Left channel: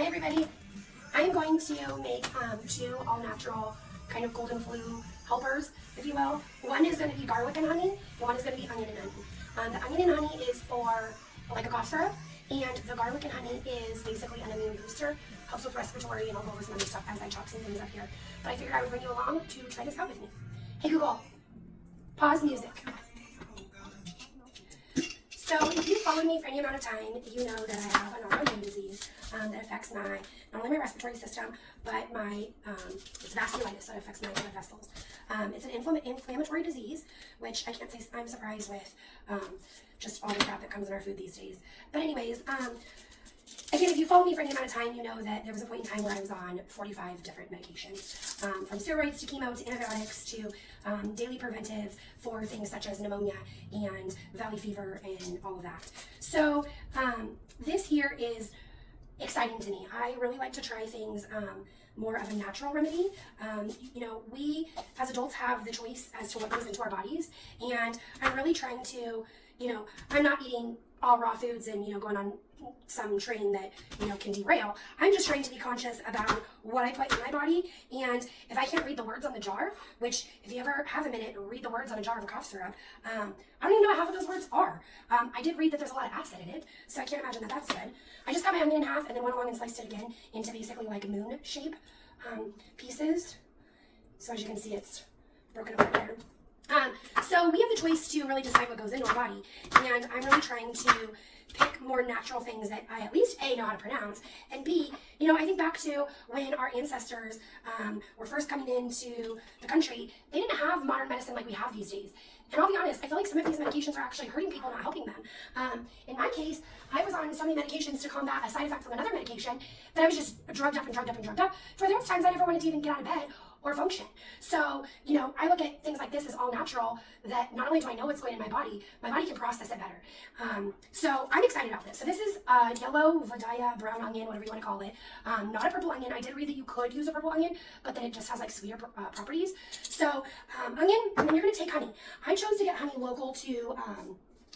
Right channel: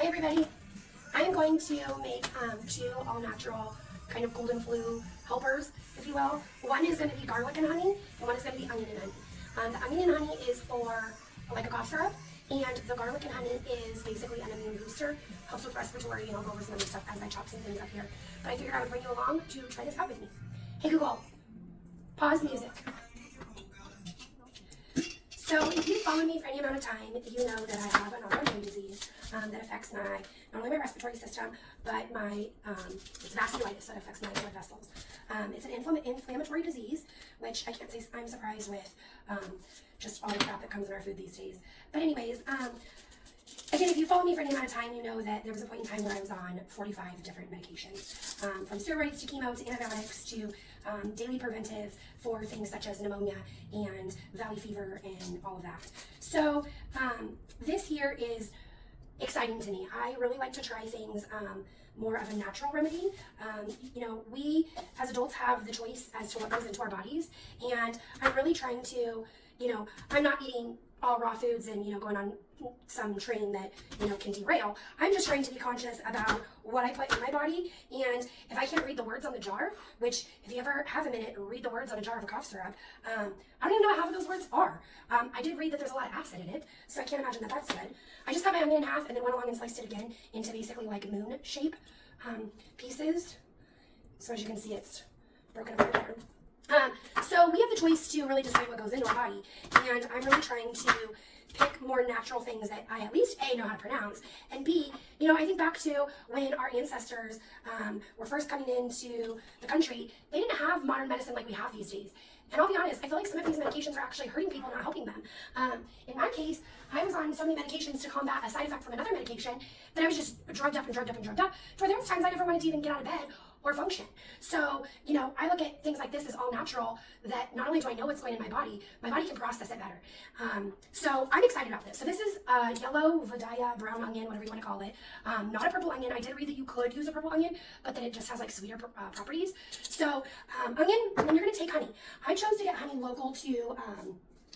Hi everybody. I am going to make two all-natural kind of golden flu helpers, if you will. One is going to be garlic and honey, and one is going to be onion and honey. The onion and honey is for like a cough syrup, and the garlic and honey is basically an immune booster, helps with respiratory, and I'll go over some other stuff as I chop some things up here. But I figured I would bring you along to try this out with me. Hey Google, pause music. So if you've followed me for any amount of time, you know that I have an autoimmune disease that affects not only my respiratory system, but my it's vasculitis that affects my blood vessels. It's an inflammatory disease, which I can't say I'm surprised with just all the crap that comes in our food these days. But anyways, again, if you follow me for any amount of time, you know that there was a point in time where I was on 45 different medications, from steroids to chemo to antibiotics to daily preventives for things such as pneumonia and valley fever and all of that. So this here is exciting to me. I really like to try things more of a natural remedy. You know, we as adults have the choice as to what goes into our bodies, and I'm really trying to, you know, I'm not eating all raw foods and, you know, going on some train that, you know, can derail. I'm just trying to be conscious about what I put in my body, and if I can't read the words on the jar, which if you ever have a minute, read the words on a jar of a cough syrup, I don't even know what half of those words are. I did read that there's a lot of acid in it, so I can't imagine that that's good. I just cut my onion in half and then went along and sliced it again into basically like moon shape pieces. So as you can see, it's broken up there. So we have the choice to really decide what goes into our body, and I'm really trying to pick more natural things that I at least A, know how to pronounce, and B, you know, I think back to when our ancestors were first coming into the country, they didn't have modern medicine like we have these days. And I'll be honest, I feel like some of these medications are actually hurting people, not helping them. In my case, I was on so many medications to combat a side effect from another medication that I was just drugged up, to where there was times I never wanted to even get out of bed or function. So, you know, I look at things like this as all natural, that not only do I know what's going in my body can process it better. So I'm excited about this. So this is yellow Vidalia brown onion, whatever you want to call it. Not a purple onion. I did read that you could use a purple onion, but then it just has like sweeter properties. So onion, and then you're going to take honey. I chose to get honey local to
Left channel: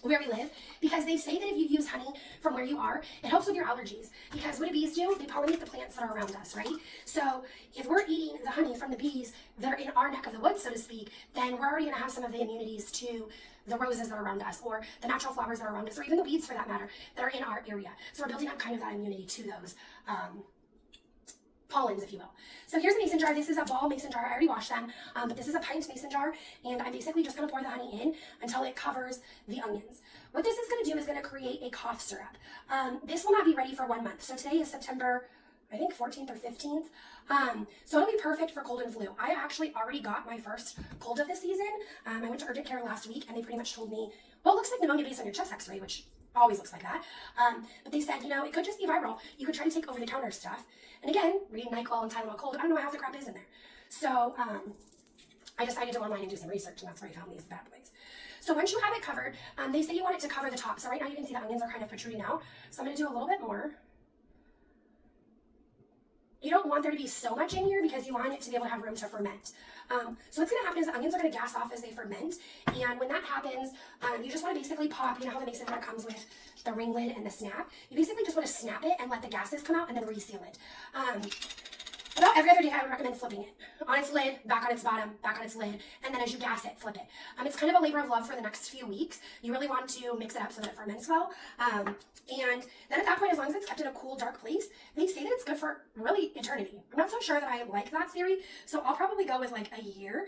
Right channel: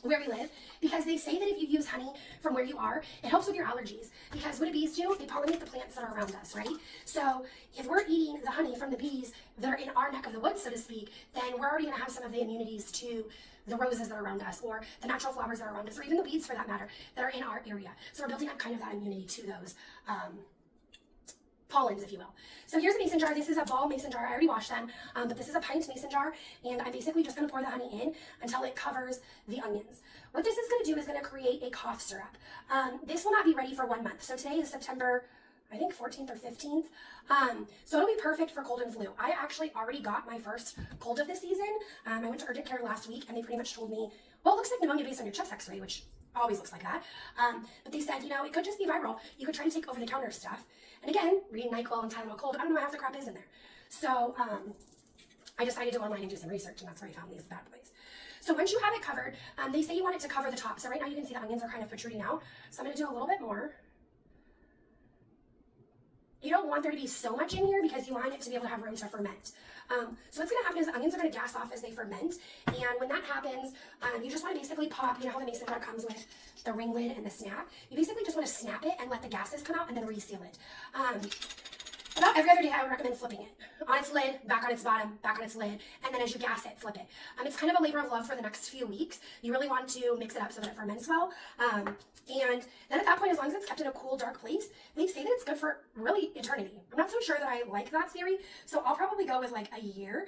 where we live, because they say that if you use honey from where you are, it helps with your allergies. Because what do bees do? They pollinate the plants that are around us, right? So if we're eating the honey from the bees that are in our neck of the woods, so to speak, then we're already going to have some of the immunities to the roses that are around us, or the natural flowers that are around us, or even the weeds for that matter, that are in our area. So we're building up kind of that immunity to those pollens, if you will. So here's a mason jar. This is a ball mason jar. I already washed them, but this is a pint mason jar, and I'm basically just going to pour the honey in until it covers the onions. What this is going to do is going to create a cough syrup. This will not be ready for 1 month. So today is September, I think 14th or 15th. So it'll be perfect for cold and flu. I actually already got my first cold of the season. I went to urgent care last week, and they pretty much told me, well, it looks like pneumonia based on your chest x-ray, which always looks like that. But they said, you know, it could just be viral. You could try to take over-the-counter stuff. And again, reading NyQuil and Tylenol cold, I don't know what half the crap is in there. So I decided to go online and do some research, and that's where I found these bad boys. So once you have it covered, they say you want it to cover the top. So right now you can see the onions are kind of protruding out. So I'm going to do a little bit more. You don't want there to be so much in here because you want it to be able to have room to ferment. So what's going to happen is the onions are going to gas off as they ferment. And when that happens, you just want to basically pop, you know how the mason jar comes with the ring lid and the snap? You basically just want to snap it and let the gases come out and then reseal it. About every other day, I would recommend flipping it. On its lid, back on its bottom, back on its lid, and then as you gas it, flip it. It's kind of a labor of love for the next few weeks. You really want to mix it up so that it ferments well. And then at that point, as long as it's kept in a cool, dark place, they say that it's good for really eternity. I'm not so sure that I like that theory, so I'll probably go with like a year.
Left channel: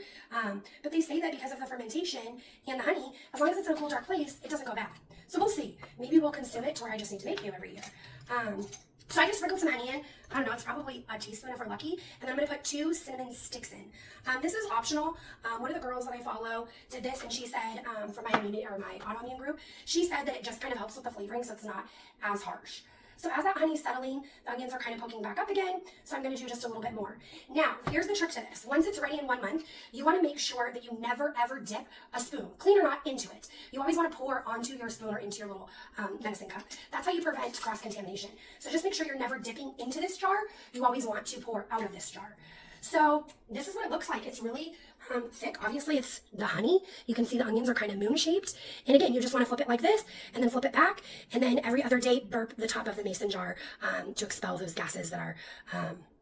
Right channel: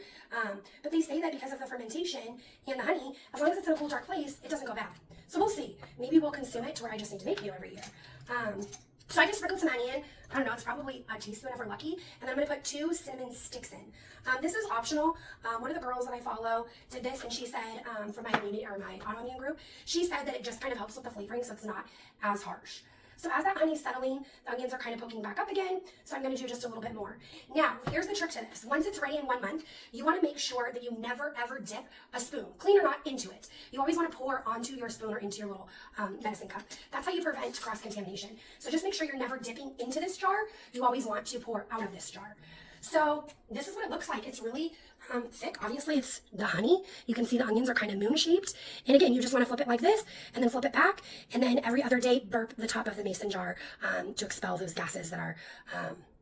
But they say that because of the fermentation and the honey, as long as it's in a cool, dark place, it doesn't go bad. So we'll see. Maybe we'll consume it to where I just need to make it every year. So I just sprinkled some honey in. I don't know, it's probably a teaspoon if we're lucky. And then I'm going to put 2 cinnamon sticks in. This is optional. One of the girls that I follow did this, and she said, for my immunity or my autoimmune group, she said that it just kind of helps with the flavoring so it's not as harsh. So as that honey's settling, the onions are kind of poking back up again, so I'm going to do just a little bit more. Now, here's the trick to this. Once it's ready in 1 month, you want to make sure that you never, ever dip a spoon, clean or not, into it. You always want to pour onto your spoon or into your little medicine cup. That's how you prevent cross-contamination. So just make sure you're never dipping into this jar. You always want to pour out of this jar. So this is what it looks like. It's really thick. Obviously, it's the honey. You can see the onions are kind of moon-shaped. And again, you just want to flip it like this, and then flip it back, and then every other day burp the top of the mason jar to expel those gases that are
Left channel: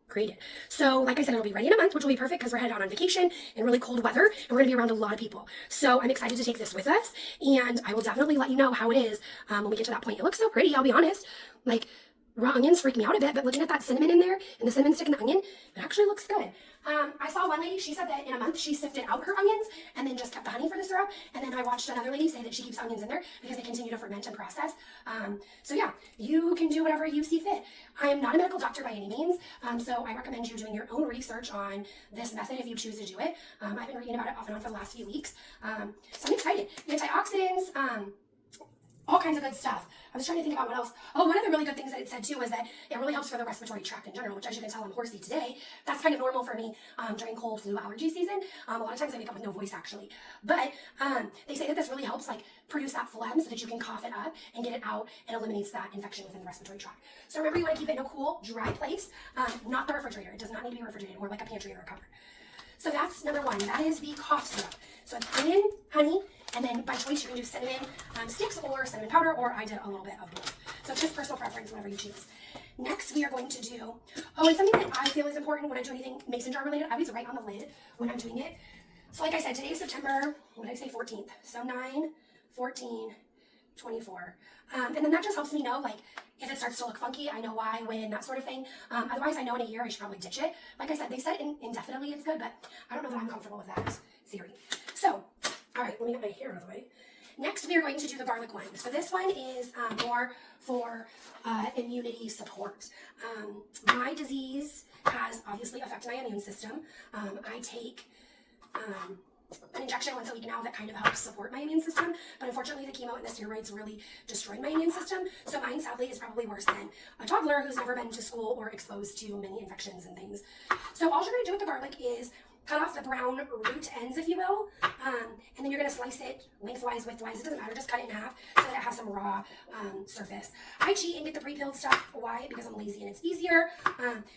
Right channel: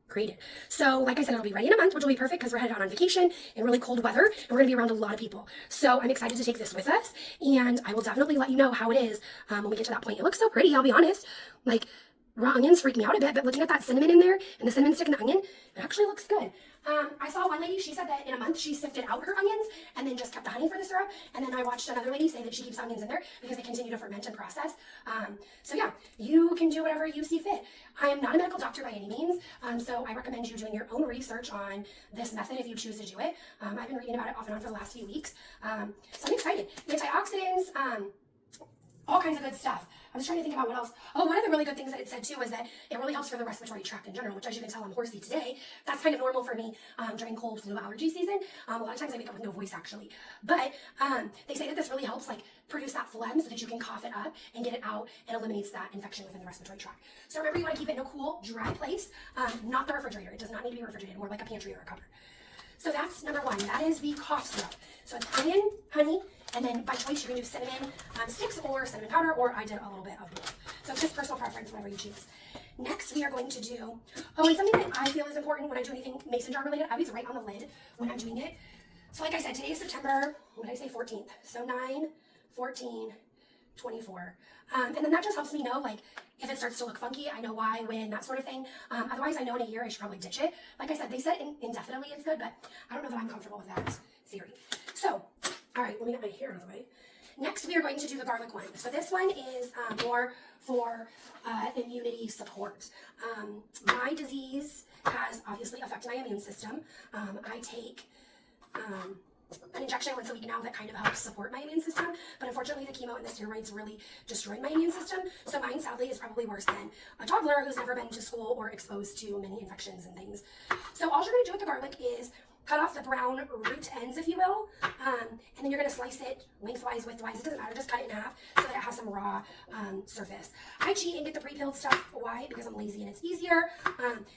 created. So like I said, it'll be ready in a month, which will be perfect because we're headed out on vacation in really cold weather, and we're going to be around a lot of people. So I'm excited to take this with us, and I will definitely let you know how it is when we get to that point. It looks so pretty, I'll be honest. Like, raw onions freak me out a bit, but looking at that cinnamon in there and the cinnamon stick and the onion, it actually looks good. I saw one lady, she said that in a month she sifted out her onions and then just kept the honey for the syrup. And then I watched another lady say that she keeps onions in there because they continue to ferment and process. So yeah, you can do whatever you see fit. I am not a medical doctor by any means, so I recommend you doing your own research on this method if you choose to do it. I've been reading about it off and on for the last few weeks, so I'm excited. Antioxidants, all kinds of good stuff. I was trying to think about what else. Oh, one of the really good things that it said too was that it really helps for the respiratory tract in general, which as you can tell, I'm horsey today. That's kind of normal for me during cold flu allergy season. A lot of times I wake up with no voice actually. But they say that this really helps like produce that phlegm so that you can cough it up and get it out and eliminates that infection within the respiratory tract. So remember, you want to keep it in a cool, dry place, not the refrigerator. It does not need to be refrigerated, more like a pantry or a cupboard. So that's number one. That is the cough syrup. So it's onion, honey, and then by choice you can do cinnamon sticks or cinnamon powder, or I did a little bit of both. So it's just personal preference, whatever you choose. Next we are going to do, and something that I feel is important when I do anything mason jar related, I always write on the lid when I'm doing it. So like I said, today is September, what did I say, 14th. So 9, 14, 24. And then that just helps me know, like, if it starts to look funky, I know why, when, that sort of thing. Otherwise, I know in a year I should probably ditch it. Like I said, they said indefinitely it's good, but I don't know that I'm comfortable with that theory. So, all right, let me get my hair out of the way. Next, we are going to do the garlic one. So this one is more for immunity support. My disease has obviously affected my immune system. I take an injection once a week now that kind of helps support my immune system, but unfortunately the chemo and the steroids really destroyed my immune system, so mine sadly is probably worse than a toddler who's never been to school or exposed to many infections and things. So all you're going to do with the garlic is cut off the brown root ends, if you will, and then you're going to slice it lengthwise, widthwise, it doesn't matter, just cut it in half so that it has some raw surface. I cheat and get the pre-peeled stuff. Why? Because I'm lazy and it's easier.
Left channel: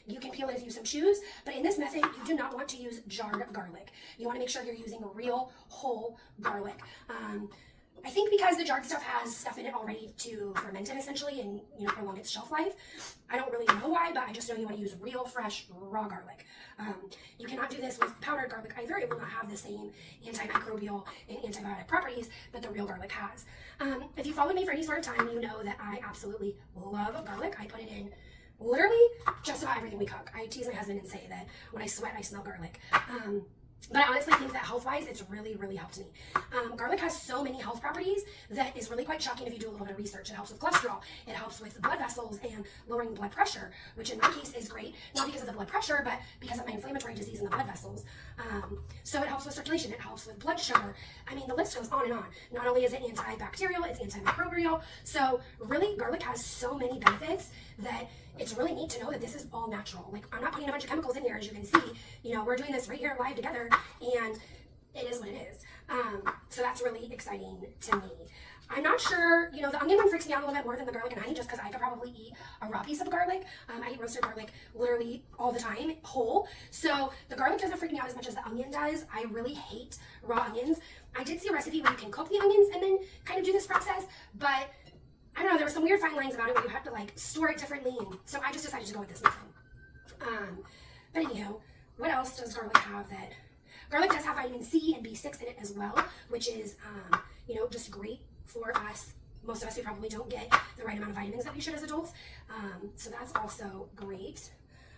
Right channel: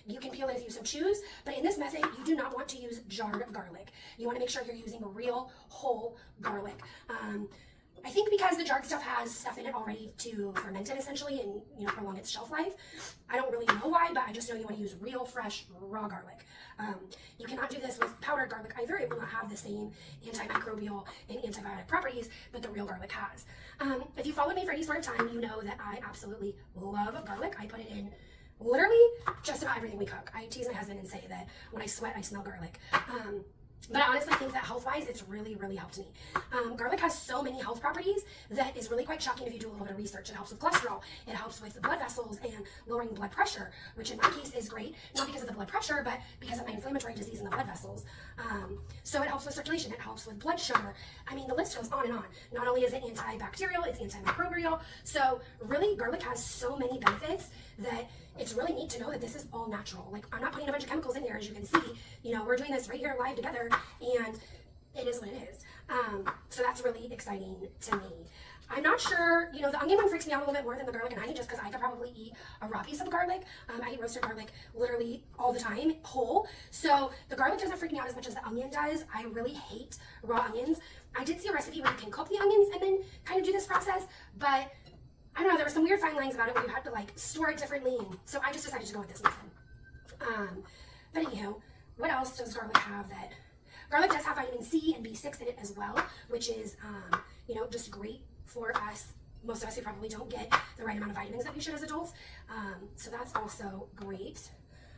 You can peel it if you so choose, but in this method, you do not want to use jarred garlic. You want to make sure you're using real, whole garlic. I think because the jarred stuff has stuff in it already to ferment it essentially and prolong its shelf life. I don't really know why, but I just know you want to use real, fresh, raw garlic. You cannot do this with powdered garlic either. It will not have the same antimicrobial and antibiotic properties that the real garlic has. If you followed me for any sort of time, you know that I absolutely love garlic. I put it in literally just about everything we cook. I tease my husband and say that when I sweat, I smell garlic. But I honestly think that health-wise, it's really, really helped me. Garlic has so many health properties that is really quite shocking if you do a little bit of research. It helps with cholesterol, it helps with blood vessels and lowering blood pressure, which in my case is great, not because of the blood pressure, but because of my inflammatory disease in the blood vessels. So it helps with circulation, it helps with blood sugar. I mean, the list goes on and on. Not only is it antibacterial, it's antimicrobial. So really, garlic has so many benefits that it's really neat to know that this is all natural. Like, I'm not putting a bunch of chemicals in here, as you can see. We're doing this right here live together, and it is what it is. So that's really exciting to me. I'm not sure, the onion one freaks me out a little bit more than the garlic and honey, just because I could probably eat a raw piece of garlic. I eat roasted garlic literally all the time, whole. So the garlic doesn't freak me out as much as the onion does. I really hate raw onions. I did see a recipe where you can cook the onions and then kind of do this process, but I don't know, there were some weird fine lines about it where you have to like store it differently, and so I just decided to go with this method. But anyhow, what else does garlic have that? Garlic does have vitamin C and B6 in it as well, which is, just great for us. Most of us who probably don't get the right amount of vitamins that we should as adults. So that's also great.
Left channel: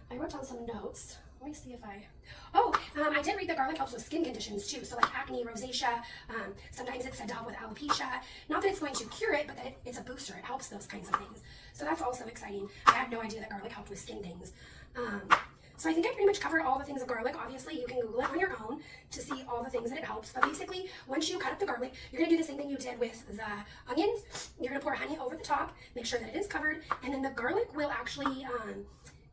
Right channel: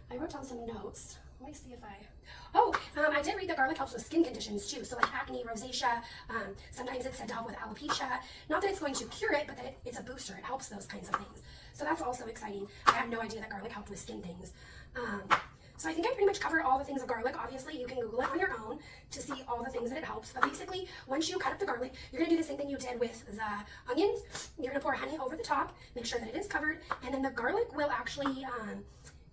I wrote down some notes. Let me see if I did read that garlic helps with skin conditions too. So like acne, rosacea, sometimes it's said to help with alopecia. Not that it's going to cure it, but that it's a booster. It helps those kinds of things. So that's also exciting. I had no idea that garlic helped with skin things. So I think I pretty much covered all the things of garlic. Obviously, you can Google it on your own to see all the things that it helps. But basically, once you cut up the garlic, you're going to do the same thing you did with the onions. You're going to pour honey over the top, make sure that it is covered, and then the garlic will actually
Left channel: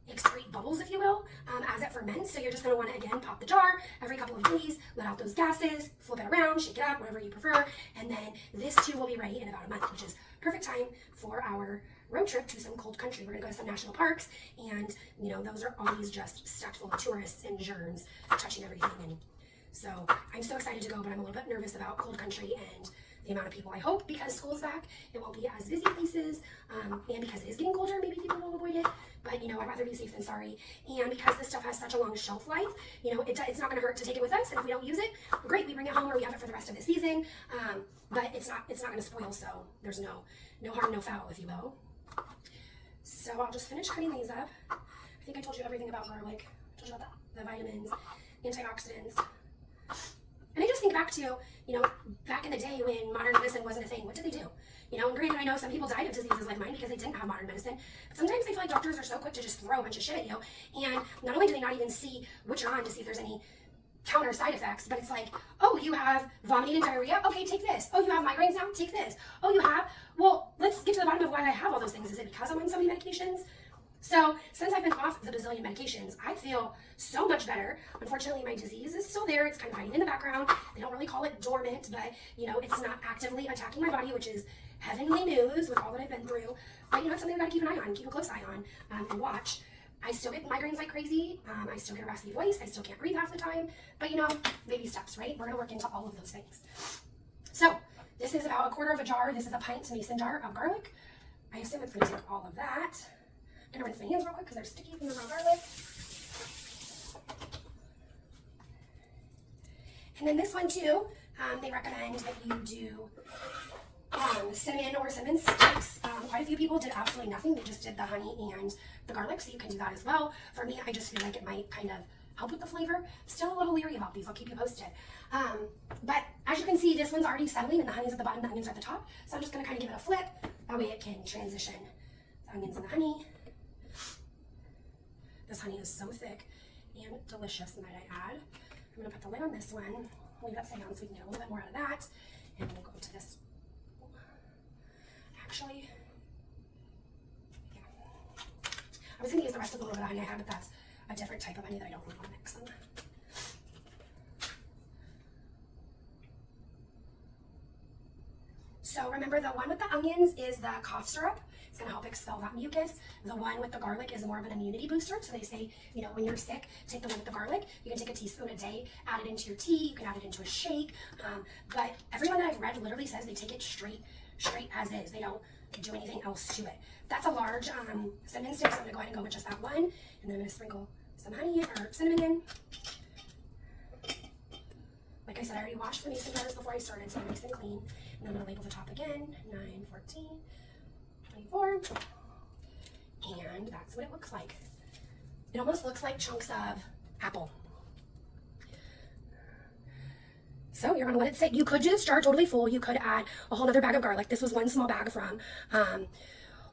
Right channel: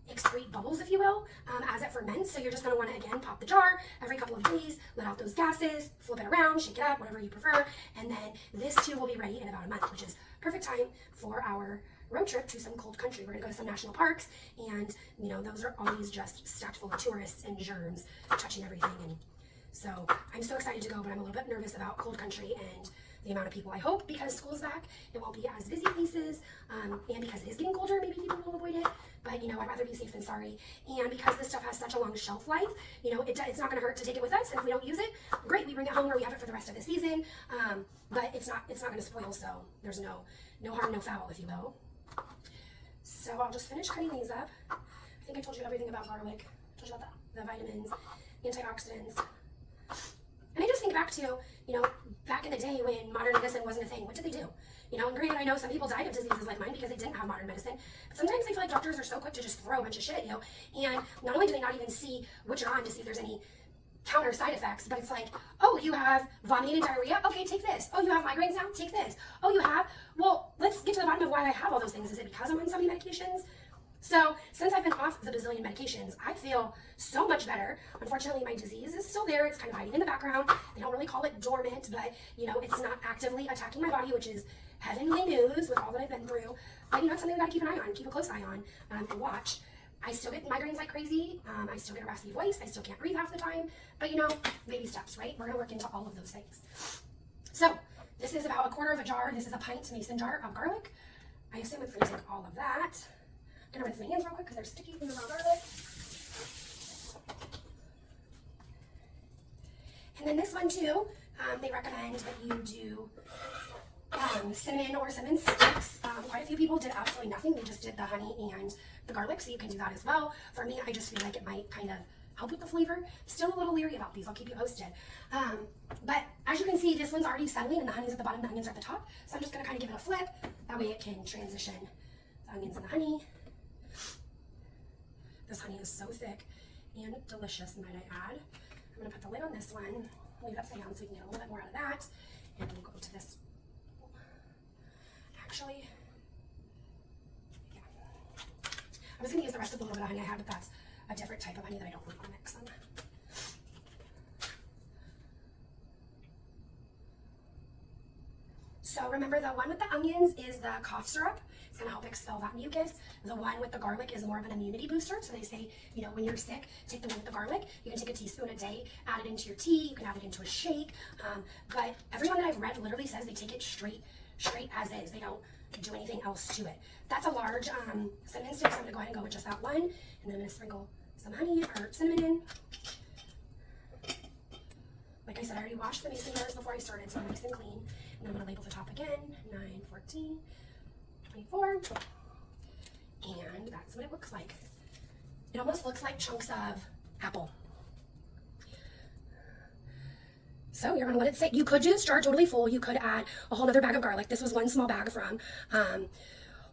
excrete bubbles, if you will, as it ferments. So you're just going to want to, again, pop the jar every couple of days, let out those gases, flip it around, shake it up, whatever you prefer, and then this too will be ready in about a month, which is perfect time for our road trip to some cold country. We're gonna go to some national parks, and you know, those are always just stacked full of tourists and germs touching everything. And so I'm so excited to go, but I'm a little bit nervous about cold country and the amount of people. I hope because school's back, it won't be as busy places, and because it is getting colder, maybe people will avoid it. But you know, I'd rather be safe than sorry. And because this stuff has such a long shelf life, you know, it's not going to hurt to take it with us. And if we don't use it, great, we bring it home or we have it for the rest of the season. But it's not going to spoil, so there's no harm, no foul, if you will. So I'll just finish cutting these up. I think I told you everything about garlic. I told you about the vitamins, antioxidants. And I just think back to, you know, back in the day when modern medicine wasn't a thing. What did they do? You know, and granted, I know some people died of diseases like mine because they didn't have modern medicine. But sometimes I feel like doctors are so quick to just throw a bunch of shit at you. And not only do they not even see what you're on to see if there's any counter side effects, but it's like, oh, you have vomiting and diarrhea? Okay, take this. Oh, you have migraines now? Take this. Oh, you have? Well, let's get to the bottom of why I have all those things. Is it because I'm on so many medications? So since I've been off the bazillion medications, I feel so much better. Unfortunately, my disease is still there. It's kind of hiding in the background. They don't really call it dormant, but you know, it's not actively attacking my body, which is heavenly news with all that I've been through. But you know, it's something I gotta keep an eye on, keep a close eye on, and watch. I still get migraines like crazy. I still get a raspy voice. I still can't breathe half the time. But you know, baby steps, right? We're gonna work into all of those things. So this is about 1/4 of a jar. This is a pint mason jar of garlic. I assume it's gonna take all of that. I'm gonna rinse my hands real quick because they're sticky from the raw garlic. And then this one too, they recommend that you do cinnamon or cinnamon sticks. Quite a few people did absolutely nothing. They just did the honey and the garlic, so you can do that as well. For me, I just feel like it might kind of help with the flavor. Still a little leery about these. I'll keep you posted. But as you can see, this one's already settling and the honey's at the bottom, the onions are at the top. So I'm just gonna kind of give it a flip. That way it can transition the onions and the honey. This honey is so thick and delicious, might I add. I'm gonna put the lid on this one, leave it upside down so we can get a little bit more out of that. And we'll go to this. Actually, yeah. I was gonna use the rest of the little bit of honey I have, but that's a different type of honey that I don't really want to mix them. So remember, the one with the onions is the cough syrup. It's going to help expel that mucus. The one with the garlic is more of an immunity booster. So they say, you know, when you're sick, take the one with the garlic. You can take a teaspoon a day, add it into your tea. You can add it into a shake. But everyone that I've read literally says they take it straight as is. They don't do anything else to it. That's a large cinnamon stick, so I'm going to go ahead and go with just that one. And then I'm going to sprinkle some honey or cinnamon in. Like I said, I already washed the mason jars before I started, so they're nice and clean. And I'm going to label the top again, 9, 14, 24. And that's what it looks like. It almost looks like chunks of apple. So you're going to let it sit. You could do this jar totally full. You could add a whole other bag of garlic. This was one small bag from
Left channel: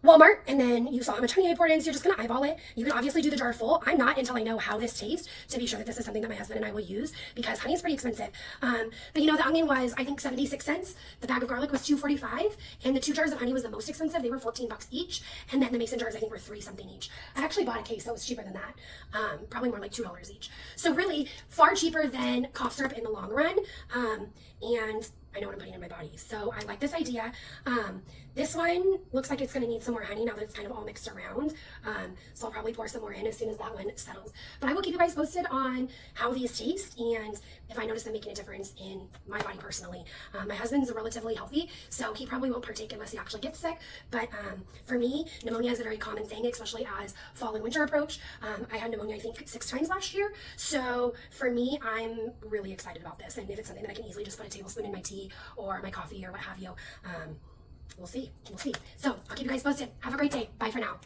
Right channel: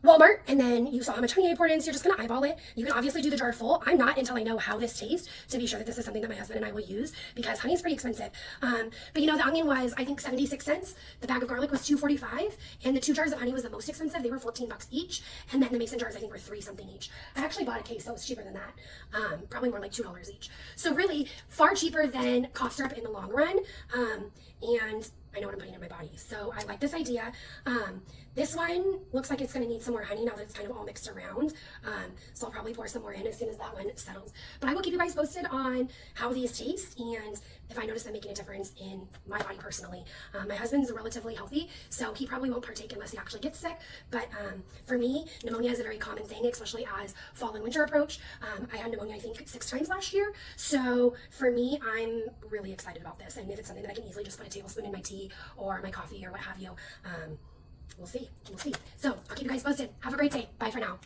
Walmart, and then you saw how much honey I poured in, so you're just going to eyeball it. You can obviously do the jar full. I'm not until I know how this tastes to be sure that this is something that my husband and I will use, because honey is pretty expensive. But you know, the onion was, I think, 76 cents. The bag of garlic was $2.45, and the 2 jars of honey was the most expensive. They were 14 bucks each, and then the mason jars, I think, were 3 something each. I actually bought a case, so it's cheaper than that. Probably more like $2 each. So really, far cheaper than cough syrup in the long run. And I know what I'm putting in my body. So I like this idea. This one looks like it's going to need some more honey now that it's kind of all mixed around. So I'll probably pour some more in as soon as that one settles. But I will keep you guys posted on how these taste and if I notice them making a difference in my body personally. My husband's relatively healthy, so he probably won't partake unless he actually gets sick. But for me, pneumonia is a very common thing, especially as fall and winter approach. I had pneumonia, I think, 6 times last year. So for me, I'm really excited about this. And if it's something that I can easily just put a tablespoon in my tea or my coffee or what have you, we'll see. So I'll keep you guys posted. Have a great day. Bye for now.